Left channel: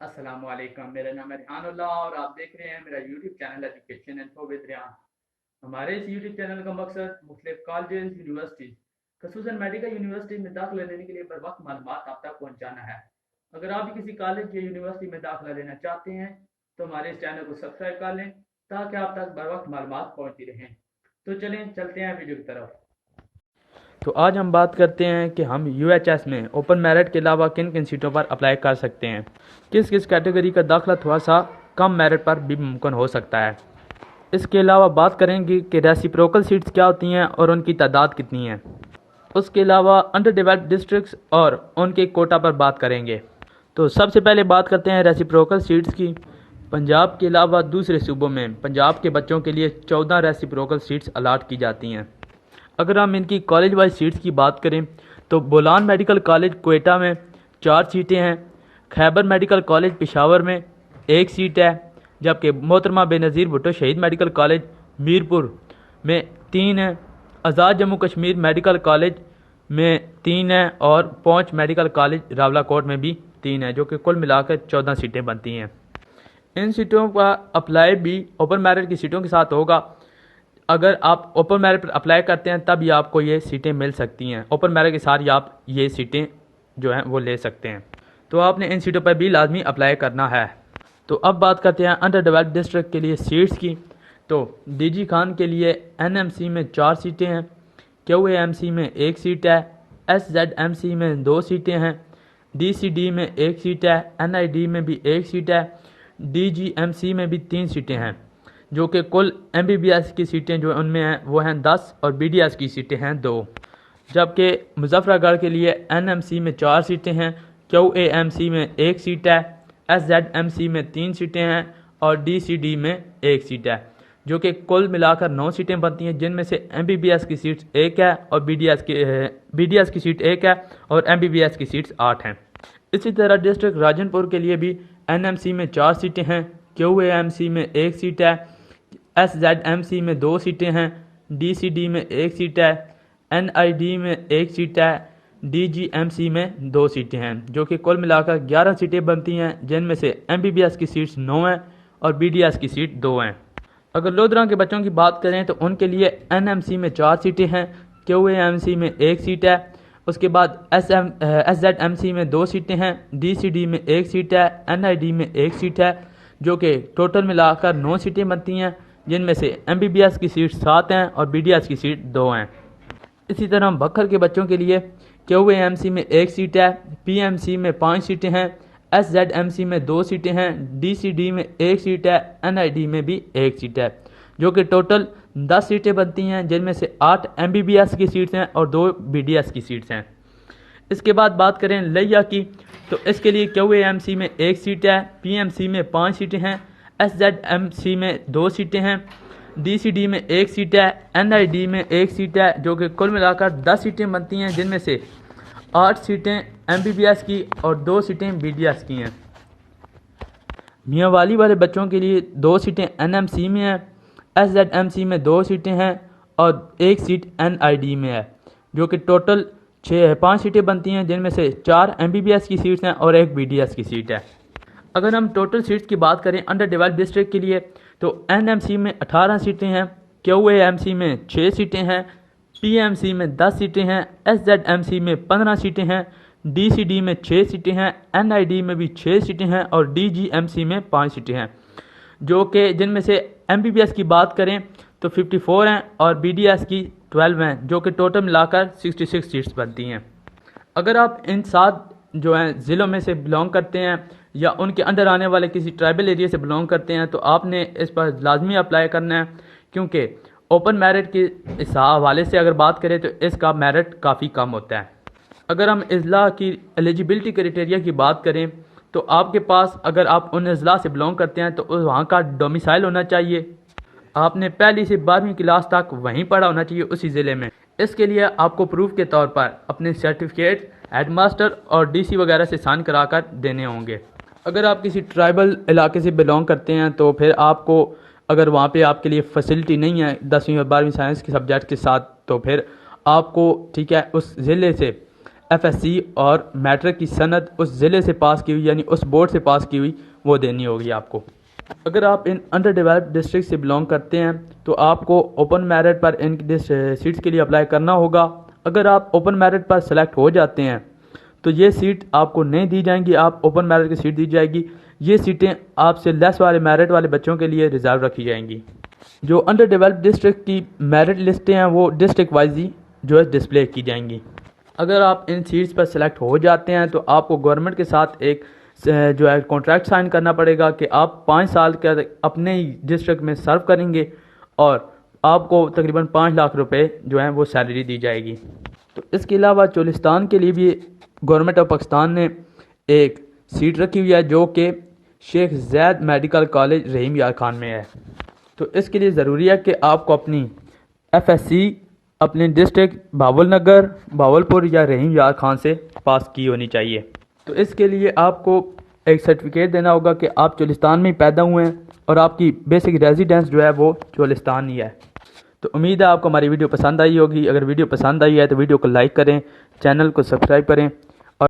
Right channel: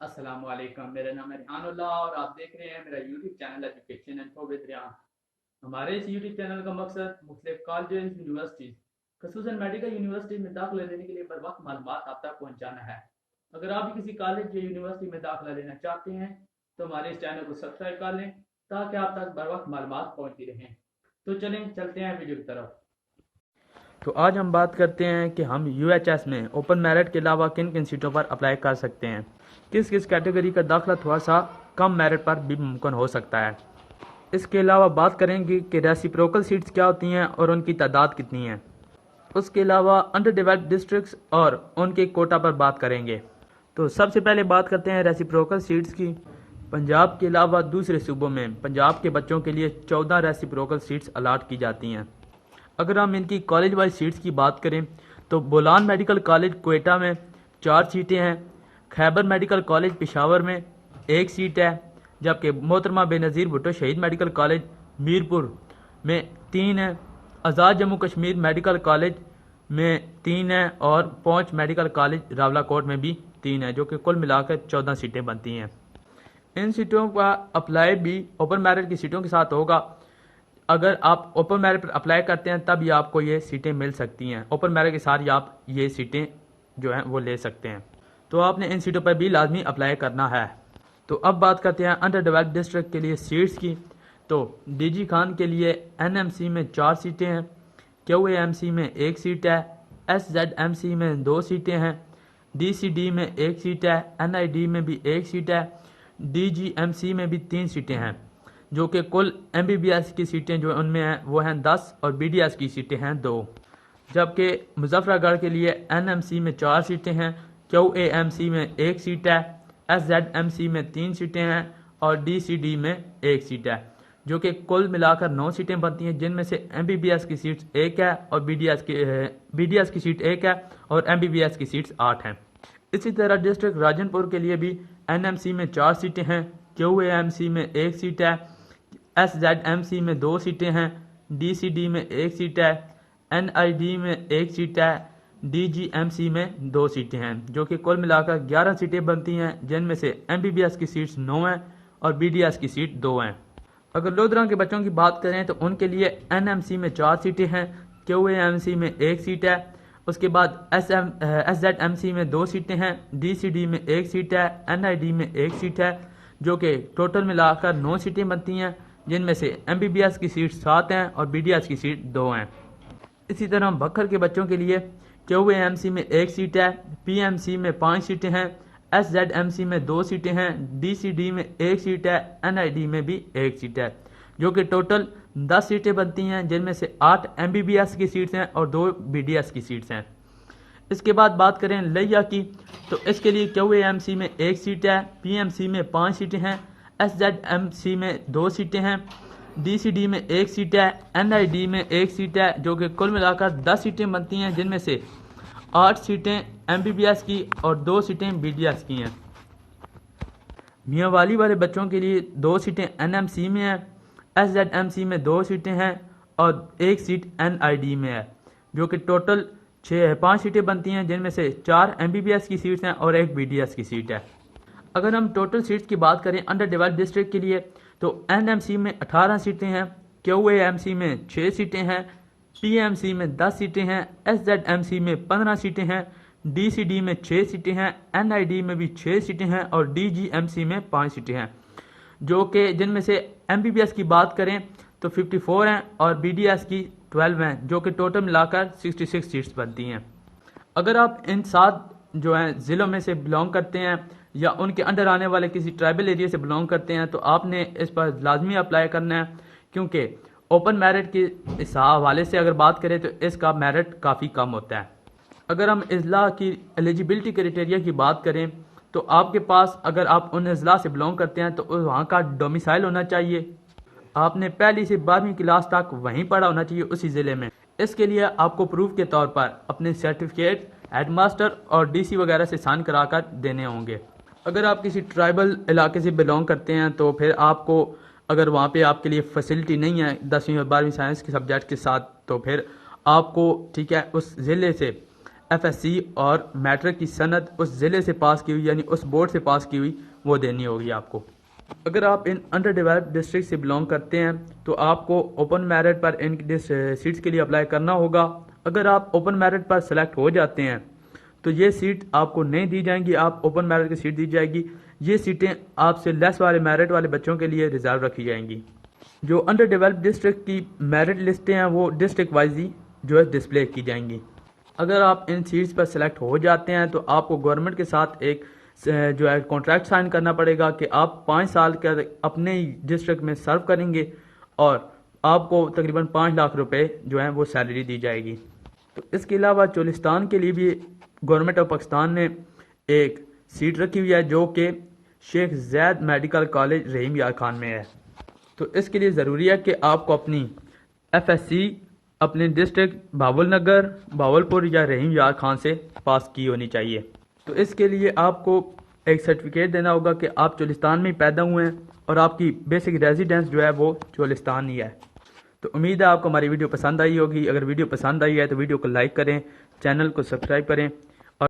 अस्सलाम वालेकुम। मेरा नाम है रिहानुल्लाह और आप देख रहे हैं मेरा YouTube channel education info with Rihan. हमारे इस यूट्यूब चैनल का मकसद मुख्तलिफ कॉलेजेस यूनिवर्सिटीज़ खसूसन मेडिकल यूनिवर्सिटी में दाखिला लेने के लिए बर वक्त मालूमात आप तक पहुँचाना है। अगर आप भी किसी कॉलेज या यूनिवर्सिटी में दाखिला लेना चाहते हैं तो हमारे इस चैनल को सब्सक्राइब कर लें ताकि आप तक बर वक्त मालूमात पहुँचती रहें। तो चलें चलते हैं वीडियो की तरफ। तो आज हम बात करते हैं कि हम यूएचएस में ओपन मेरिट के अलावा किन किन सीटों पर अप्लाई कर सकते हैं, किस किस कैटेगरी का दाखिला थोड़ा सा कम मेरिट पर भी मुमकिन हो सकता है। इसके अलावा बात करेंगे कि रेसिप्रोकल सीट्स क्या होती हैं और उनकी तादाद कितनी है। उसके अलावा अंडर डेवलप्ड डिस्ट्रिक्ट्स और उनके कोटा पर बात करेंगे। तो सबसे पहले बात करते हैं रेसिप्रोकल सीट्स की। पंजाब के अलावा दूसरे सूबों में पंजाब के बच्चों के लिए 14 रेसिप्रोकल सीट्स अलाट की जाती हैं। अगर हम इनकी कॉलेज वाइज सीट्स की बात करें तो बोलान मेडिकल कॉलेज कोयटा में 4 सीटें हैं, खैबर मेडिकल कॉलेज पेशावर में 1 सीट है, जबकि मोहतरमा बेनज़ीर भुट्टो शहीद मेडिकल कॉलेज मीरपुर में 3 है, आज़ाद जम्मू कश्मीर मेडिकल कॉलेज में 3 है और पौंच मेडिकल कॉलेज रावलाकोट में भी 3 है, जो कि कुल मिलाकर 14 सीटें बनती हैं। इन सीटों का अप्लाई भी ओपन मेरिट की सीटों के साथ होगा। अगर आप ओपन मेरिट पर अप्लाई करते हैं तब ही आपको ये सीटें मिल सकती हैं। ओपन मेरिट के साथ ही आप ये सीटें जो हैं वो ले सकते हैं। तो आपने इन सीटों पर भी लाजमी अप्लाई करना है। तो अब बात करते हैं अंडर डेवलप्ड डिस्ट्रिक्ट के लिए सीट्स की। तो डीजी खान के लिए एनएमसी में 4 सीटें हैं, क्यूएएमसी में 1 सीट है, एसजेडएमसी में 2 सीटें हैं, डीसीडी में 1 सीट है, एनआईडी में भी 1 सीट है, डीजीएमसी में भी 3 सीटें हैं, जो कि कुल एमबीबीएस की सीटें जो उनमें हैं वो हैं 10 और बीडीएस की सीटें हैं 2। जबकि मुजफ्फरगढ़ के लिए एनएमसी में 4 सीटें हैं, क्यूएएमसी में 1 सीट है, एसजेडएमसी में 3 सीटें हैं और डीसीडी में 1 सीट है, जो कि कुल मिलाकर 9 सीटें बनती हैं, जिनमें से एमबीबीएस की सीट्स 1 है और बीडीएस की सीट 1 है और एमबीबीएस की सीट्स 8 हैं। इसी तरह डिस्ट्रिक्ट राजनपुर के लिए भी एनएमसी में 4 सीटें हैं, क्यूएएमसी में 1 सीट है, एसजेडएमसी में 2 सीटें हैं, डीसीडी में 1 सीट है, एनआईडी में 1 सीट है, डीजीएमसी में 2 सीटें हैं, जो कि कुल मिलाकर 11 सीटें बनती हैं, जिनमें से एमबीबीएस की सीट्स 9 हैं और बीडीएस की सीट 2 हैं। अगर लोधरा के बच्चों की बात करें तो उनके लिए एनएमसी में 4 सीटें हैं, क्यूएएमसी में 1 सीट है, उसके बाद एसजेडएमसी में 2 सीटें हैं, डीसीडी में 1 सीट है, एनआईडी में 1 सीट है, जो कि टोटल मिलाकर 9 सीटें बनती हैं, जिनमें से एमबीबीएस की सीट 7 हैं और बीडीएस की सीट 2 हैं। इसी तरह बखर के बच्चों के लिए क्यूएएमसी में 1 सीट है, पीएमसी में 5 सीटें हैं, एसजेडएमसी में 2 सीटें हैं, डीसीडी में 1 सीट है, एनआईडी में भी 1 सीट है, जो कि टोटल 10 सीटें बनती हैं, जिनमें से 8 एमबीबीएस की सीट्स हैं और 2 बीडीएस की सीट्स हैं। इसके बाद बात करें लिया की, तो इसके लिए क्यूएएमसी में 1 सीट है, पीएमसी में 5 सीटें हैं, एसजेडएमसी में 2 सीटें हैं, डीसीडी में 1 सीट है, एनआईडी में 1 सीट है, जो कि कुल मिलाकर 10 सीटें बनती हैं, जिनमें से 8 सीटें एमबीबीएस की और 2 सीटें बीडीएस की हैं। मियाँ वाली वाले बच्चों के लिए 2 सीटें एनएमसी में हैं, एसजेडएमसी में 2 सीटें हैं और 1 सीट एनआईडी में है, जो कि टोटल 5 सीटें बनती हैं, जिनमें से 4 एमबीबीएस की सीट्स हैं और 1 बीडीएस की सीट है। अगर हम टोटल सीट्स की बात करें अंडर डेवलप्ड डिस्ट्रिक्ट के लिए तो एनएमसी में 18 सीटें हैं, क्यूएएमसी में 6 सीटें हैं, पीएमसी में 10 सीटें हैं, एसजेडएमसी में 15 सीटें हैं, डीसीडी में 6 सीटें हैं, एनआईडी में भी 6 सीटें हैं और डीजीएमसी में 5 सीटें हैं, जो कि जिनमें से एमबीबीएस की बात करें तो 54 हैं और बीडीएस की 12 हैं, जो कि टोटल मिलाकर 66 सीट्स बनती हैं। अगर आप इन 7 जो हैं ज़िलों में से बिलोंग करते हैं या उनके अंडर आने वाले किसी ट्राइबल एरिया से बिलोंग करते हैं तो आपने इस पर लाजमी अप्लाई करना है, क्योंकि ओपन मेरिट के इस हवाले से अगर बात करें तो इसका मेरिट काफ़ी कम होता है। अगर हम अजला की एलिजिबिलिटी क्राइटेरिया की बात करें तो आपके पास अगर आप उन अजला से बिलोंग करते हैं तो वहाँ का डोमिसाइल होना चाहिए, आपने पहली से 12वीं क्लास तक वहीं पढ़ा होना चाहिए उसी ज़िले में। इसके लिए आपको प्रूफ के तौर पर अपने सर्टिफिकेट हेडमास्टर और डीसी वगैरह से साइन कराकर देने होंगे। अगर आप किसी ट्राइबल इलाके से बिलोंग करते हैं तो फिर आपको अगर वहाँ पे आपके लिए फैसिलिटी नहीं है 10वीं और 12वीं साइंस के सब्जेक्ट के साथ, तो फिर आपको ठीक है उस ज़िले से FSC और मैट्रिक की सनद उस ज़िले से पास की हुई यानी उस बोर्ड से पास की हुई वो देनी होगी आपको। अगर आप इन अंडर डेवलप्ड डिस्ट्रिक्ट से बिलोंग करते हैं तो आपको ओपन मेरिट पर इन सीट्स के लिए अप्लाई करना होगा। अगर आप ओपन मेरिट पर सेलेक्ट हो जाते हैं तो ये सीट आपको नहीं दी जाएंगी, आप ओपन मेरिट की सीट दी जाएगी। ये सीटें आपसे लेस वाले मेरिट वाले बच्चों के लिए रिजर्व रखी जाएंगी। जो अंडर डेवलप्ड डिस्ट्रिक्ट की मेरिट लिस्टें हैं वो डिस्ट्रिक्ट वाइज ही जो है डिस्प्ले की जाएंगी। अगर आप इन सीट्स पर सेलेक्ट हो जाते हैं तो आपको गवर्नमेंट के साथ एक जो है कॉन्ट्रैक्ट साइन करना पड़ेगा कि आप 5 साल के अपने ही डिस्ट्रिक्ट में सर्व करेंगे और आपको तकरीबन 5 लाख रुपए जो है वो सैलरी दी जाएगी। तो इसके अलावा चोलिस्तान के लिए भी गवर्नमेंट ऑफ पाकिस्तान ने एक सीट रखी हुई है जो कि शेख ज़ैद मेडिकल कॉलेज रहीम यार खान में है। तो इसके लिए ज़रूरी है कि आपको अपनी FSC अपने डिस्ट्रिक्ट भावलनगर, भावलपुर या रहीम यार खान से पास की होनी चाहिए। तो इसके लिए आपको एक सर्टिफिकेट देना होगा कि आप चोलिस्तान में पैदा हुए हैं और आपकी बेसिक रेजिडेंस जो है वो चोलिस्तान ही है। तो उम्मीद है आपको हमारी वीडियो पसंद आई होगी। अगर वीडियो पसंद आई है तो वीडियो को लाइक करें, चैनल को सब्सक्राइब करें